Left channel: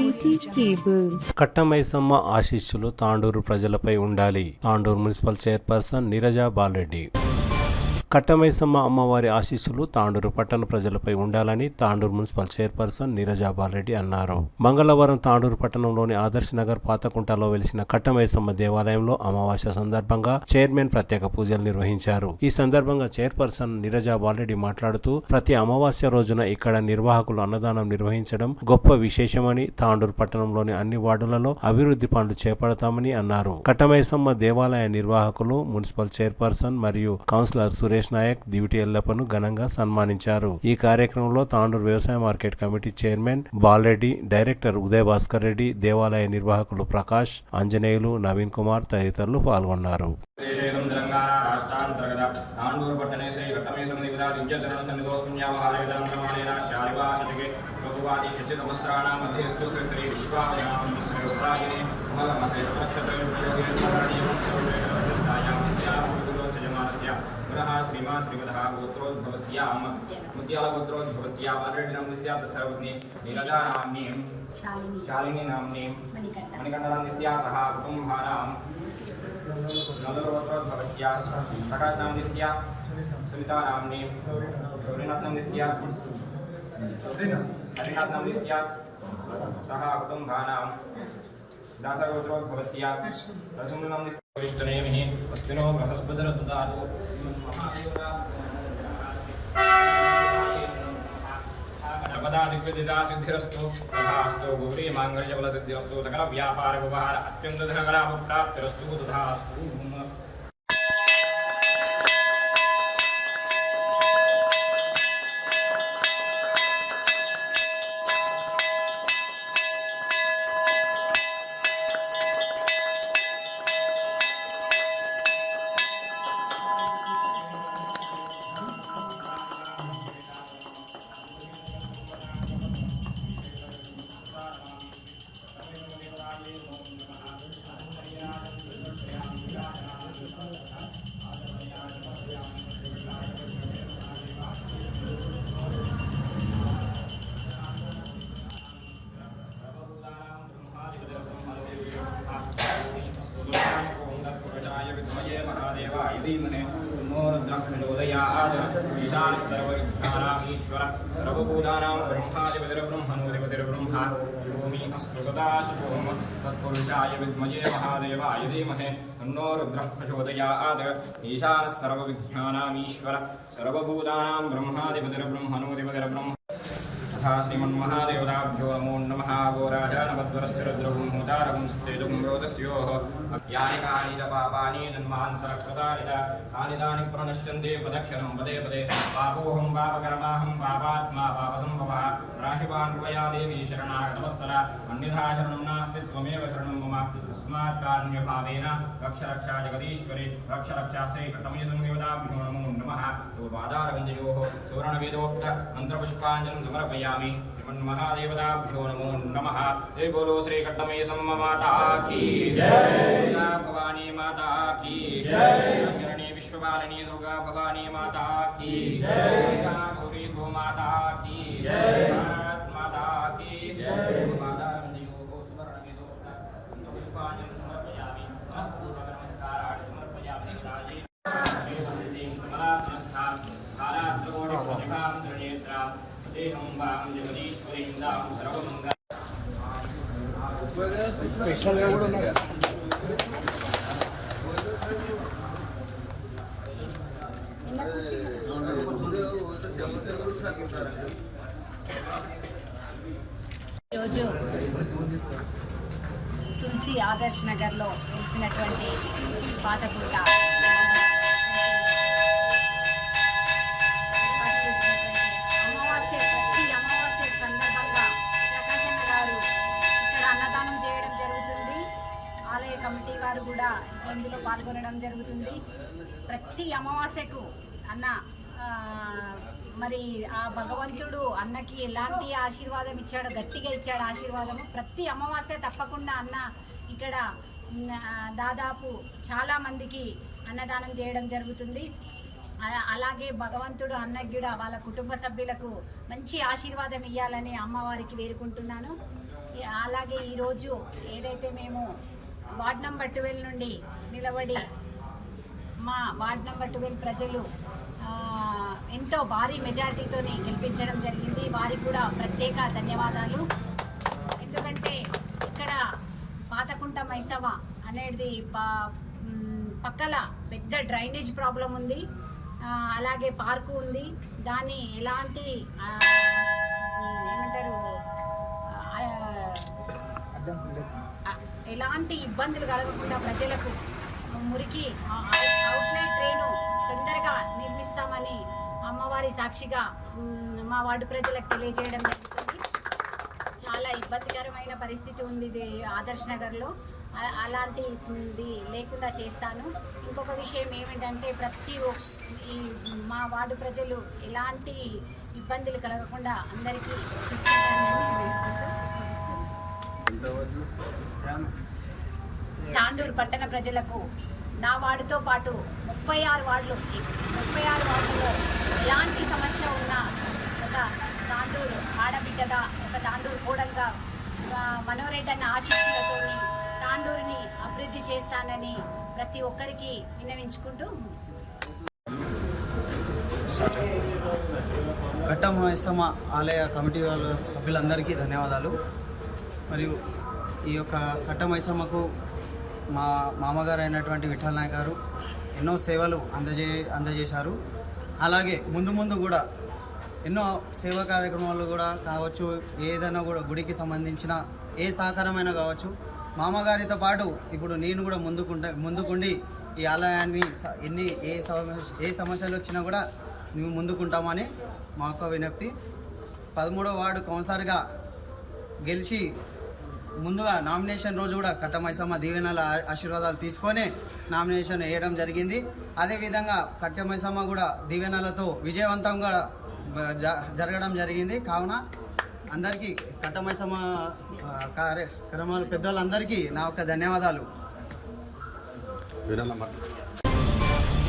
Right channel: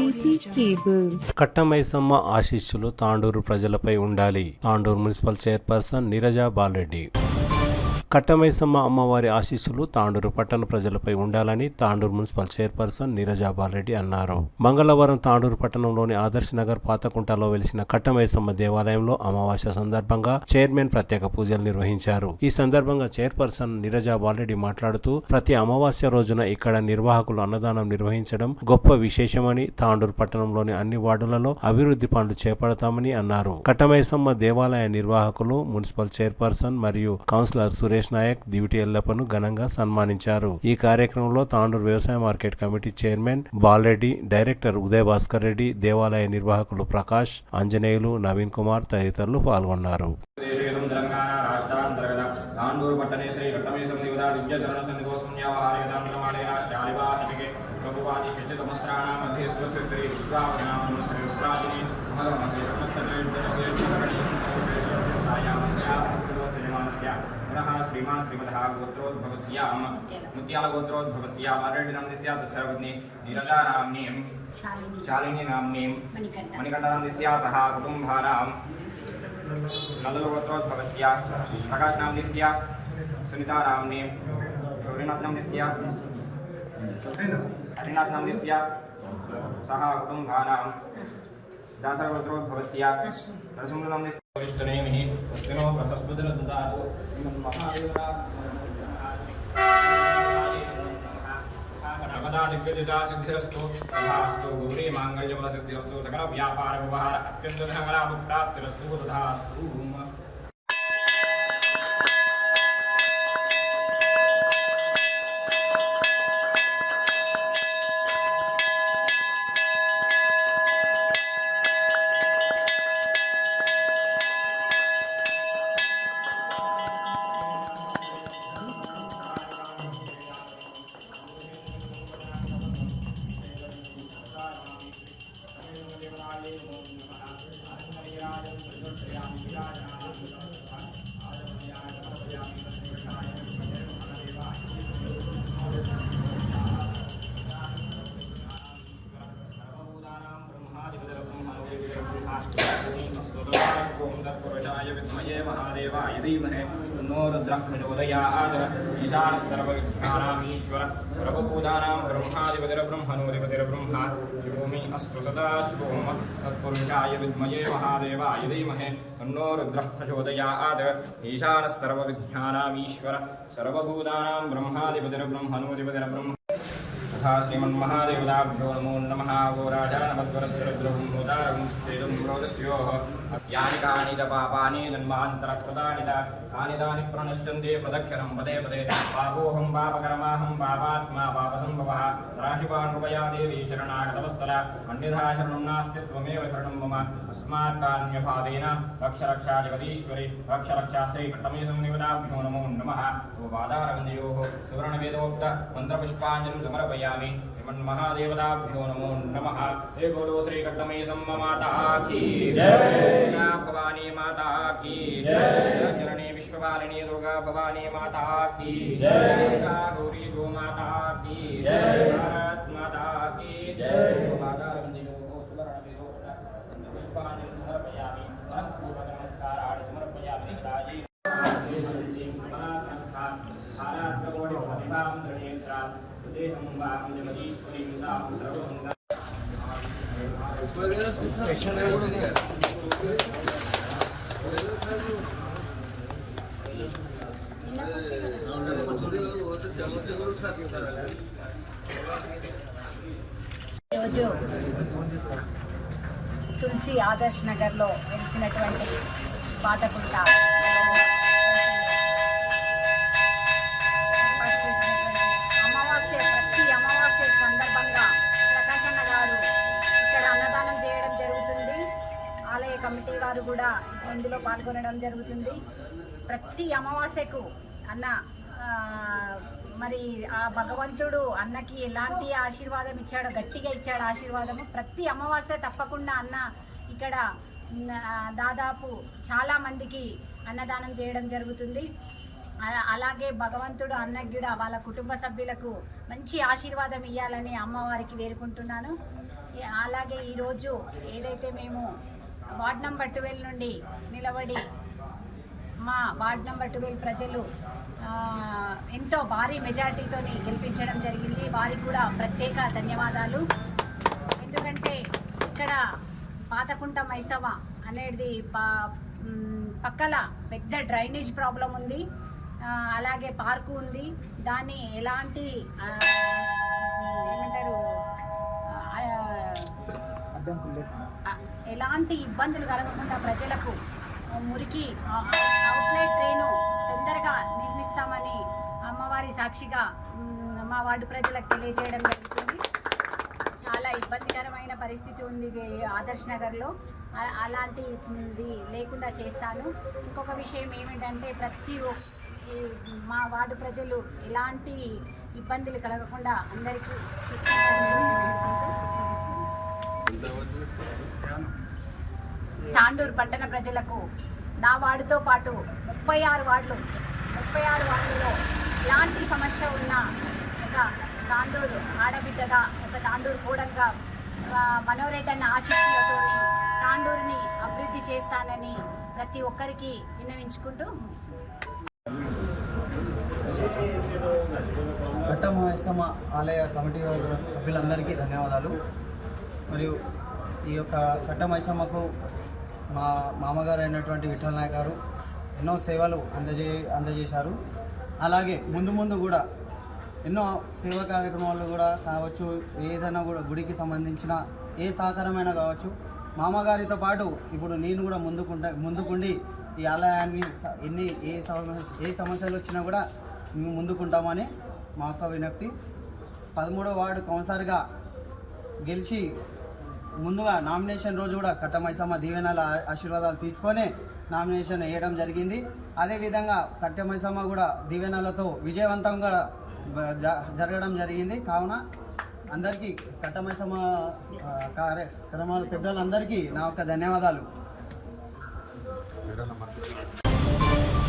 City cable. Katta Maisamma ఆశీస్సులు తాండూరు ప్రజలపై ఉండాలి. Tandur municipal chairperson Neeraja Balareddy. కట్టమైసమ్మ అమ్మవారి ఆశీస్సులు తాండూరు పట్టణ ప్రజలపై ఉండాలని తాండూరు మున్సిపల్ చైర్పర్సన్ నీరజా బాలరెడ్డి అన్నారు. మంగళవారం తాండూరు పట్టణంలోని ఆదర్శ్ నగర్ పాతకుంటలో వెలిసిన కట్టమైసమ్మ దేవాలయంలో అమావాస్య సందర్భంగా చైర్మన్ ప్రత్యేక పూజలు నిర్వహించారు. ఈ సందర్భంగా చైర్పర్సన్ నీరజా బాలరెడ్డి మాట్లాడుతూ ప్రతి అమావాస్య రోజున ఇక్కడ నిర్వాహకులు అన్నదానం నిర్వహించడం గొప్ప విశేషమని, తాండూరు పట్టణంలోని అన్ని వార్డులలో అభివృద్ధి పనులు చేపడతామని అన్నారు. కట్టమైసమ్మ దేవాలయ నిర్వాహకులు, మున్సిపల్ చైర్పర్సన్ మరియు కౌన్సిలర్ సురేష్ నాయక్, దివిటి ఎల్లప్పను ఘనంగా సన్మానించారు. ఈ కార్యక్రమంలో తాండూరు వ్యవసాయ market committee chairman Bala Reddy, director Uday Bhaskar Reddy, దేవాలయ నిర్వాహకులు ప్రకాష్, ఆంజనేయులు, నవీన్ కుమార్ తదితరులు పాల్గొన్నారు. श्रीमान श्रीमदः गोत्रोद्भवस्य मुत्याल गोत्रोद्भवस्य वारडिनाम्निस्य सर्वज्ञे नीरजानाम्नीं शालिनी नाम्नीं मणिकण्ठनाम्निस्य सह कुटुम्बानां नन्दगोत्रोद्भवस्य प्रकाशनाम्निस्य सुनीतानाम्नीं गौरीनाथनाम्निस्य हरिनाथनाम्निस्य सह कुटुम्बानां दासगोत्रोद्भवस्य दर्शमुनाम्निस्य वरिष्ठनेमिः वस्तिनो बृहस्पतिर्ददातु श्रीमन्महादेवना गणपदादिव्यदिता सिद्धिरस्तु तथास्तु गौरी माङ्गल्यबलसिद्धिरस्तु सकल व्यापार व्यवहार अत्यन्त धनलाभप्राप्तिरस्तु तथास्तु। विद्महे महादेवाय धीमहि तन्नो रुद्रः प्रचोदयात्। ईशानः सर्वविद्यानाम् ईश्वर सर्वभूतानां ब्रह्माधिपतिर्ब्रह्मणोऽधिपतिर्ब्रह्मा शिवोऽमि अस्तु सदा शिवोऽम तत्पुरुषाय विद्महे महादेवाय धीमहि तन्नो रुद्रः प्रचोदयात्। ईशानः सर्वविद्यानाम् ईश्वर सर्वभूतानां ब्रह्माधिपतिर्ब्रह्मणोऽधिपतिर्ब्रह्मा तथा श्रीमन्महादेवताभ्यो नमो नमः। वो राजानपद्वरस्य रुद्रगुं होतारगुं स्तेजुं रोदस्योः यानि कानि च पापानि जन्मान्तरकृतानि च तानि तानि प्रणश्यन्ते प्रदक्षिणं पदे पदे। पापोऽहं पापकर्माहं पापात्मा पापसम्भवः राशिवान् कृपया देवी शरणागतवत्सल अन्यथा शरणं नास्ति त्वमेव शरणं मम तस्मात् कारुण्यभावेन रक्ष रक्षा जगदीश्वरि रक्ष रक्षा श्रीकटमयसंदेवताभ्यो नमो नमः। पादारविन्दयोः सुवर्णवेदोक्त मन्त्रपुष्पाञ्जलिं समर्पयामि। श्रीमन्महादेवताभ्यो नमो नमः। हे बोलो श्री कट्टमयसम्म माता की दुर्गा भवानी माता की जननी विश्वपालिनी दुर्गा भवानी माता की गौरी गो माता की भारत माता की। पादारविन्दयोः सुवर्णवेदोक्त मन्त्रपुष्पाञ्जलिं समर्पयामि। पूर्वक नमस्काराः समर्पयामि। निकटायै प्रतिभां त्रिनेत्रां देहं वां जगदीश्वरीं दां सर्वमङ्गल ఈరోజు తులసి ఆదర్శ్ నగర్లో వెలిసినటువంటి పాతకుంట ప్రతి అమావాస్య సందర్భంగా ప్రకాశన్న గారు ఇక్కడ అన్నదానం చేయడం జరుగుతుంది. ఆలయ కమిటీ వారు కూడా ఇందులో పాల్గొనడం జరుగుతుంది. ప్రతి అమావాస్యకు అన్న మరి ఆ భగవంతుడు అన్నకి ఎలాంటి ఆశీర్వాదం ఇచ్చాడో, గట్టిగా ఇచ్చాడు ఆశీర్వాదము. ప్రతి అమావాస్య తప్పకుండా అన్న ఇక్కడ దాదాపు చాలామందికి అన్నదానం చేయడం జరుగుతుంది. అలాగే భగవంతుడు అన్నకి కూడా వాళ్ళ కుటుంబ సభ్యులకు మంచి ఆశీర్వాదం ఇవ్వాలని అమ్మవారికి వేడుకుంటున్నాను. అలాగే అలాగే ఈరోజు ఏదైతే మేము వార్డ్ నెంబర్ 12 నుండి నిలబడి మా వార్డ్ నెంబర్ 12 ప్రజలు ఎంతో భారీ మెజారిటీతో గెలిపించడం జరిగింది. వారికి కూడా ప్రత్యేక ధన్యవాదాలు. ఎందుకంటే ఇక్కడ పాతకుంట మైసవ అనేది పక్కల పెద్ద డ్రైనేజ్ ప్రాబ్లం ఉంది, అలాగే పార్కు ఉంది. దాన్ని ఎలాంటి ఏమంటారు ఎలాంటి ఇబ్బందులు కలగకుండా ప్రజలకు మురికి అవుట్లెట్ ట్రైను తొందరగా నిర్మిస్తామని అమ్మవారి సాక్షిగా మా వార్డు ప్రజలకు తెలియజేయడం జరుగుతుంది. చాలా ఇబ్బందికరమైన పరిస్థితి ఉంది ఇది ఆదర్శ్ నగర్లో. అలాంటిది లేకుండా చేస్తాను. ఇంకొక విషయం ఏమిటంటే మా వార్డు ప్రజలు ఎలాంటి ఇబ్బందులు కలగకుండా అందరికీ చూసుకుంటారని తాండూరు పట్టణ ప్రజలకు నా వార్డుతో పాటు 36 వార్డుల్లో ఎలాంటి సమస్య ఉన్నా ఒక తాండూరు ఆడబిడ్డగా, ఒక తాండూరు కోడలుగా మనోరెడ్డి అన్న ఆశీస్సులతోని తాండూరుని అభివృద్ధి చేస్తానని ప్రతి ఒక్కరికి విన్నవించుకుంటూ ముగిస్తుంది. కట్ట మైసమ్మ ఆలయ కమిటీ వాళ్ళ సభ్యులందరికీ ధన్యవాదాలు. మరియు ఈ యొక్క కట్ట మైసమ్మకు మా మామగారు అయినటువంటి విఠల్ నాయక్ గారు ఎన్నో సేవలు అందజేశారు. అలాగే ముందు కూడా ఎన్నో సేవా కార్యక్రమాలు కూడా కావచ్చు, ఏదైనా కూడా గుడికి సంబంధించిన ఏ సహకారమైనా కావచ్చు, మామగారితో పాటు ఇప్పుడు నేను కూడా ముందుకుండి ఈ ఆలయాన్ని ఏ సమస్యలు వచ్చినా కూడా మేము ముందుకుంటామని మా యొక్క విజ్ఞప్తి. 13వ వార్డు కౌన్సిలర్గా గెలిచి ముందుగా నామినేషన్ రోజు కూడా కట్ట మైసమ్మ దీవెనల ఆశీర్వాదాలు తీసుకొని నామినేషన్ వేయడం జరిగింది. అదేవిధంగా కట్ట మైసమ్మ కూడా దీవెనలతో విజయవంతంగా జరగడం జరిగింది. కావున అందరికీ కట్ట మైసమ్మ కార్యక్రమాలు పెద్దలందరికీ నా యొక్క ధన్యవాదాలు.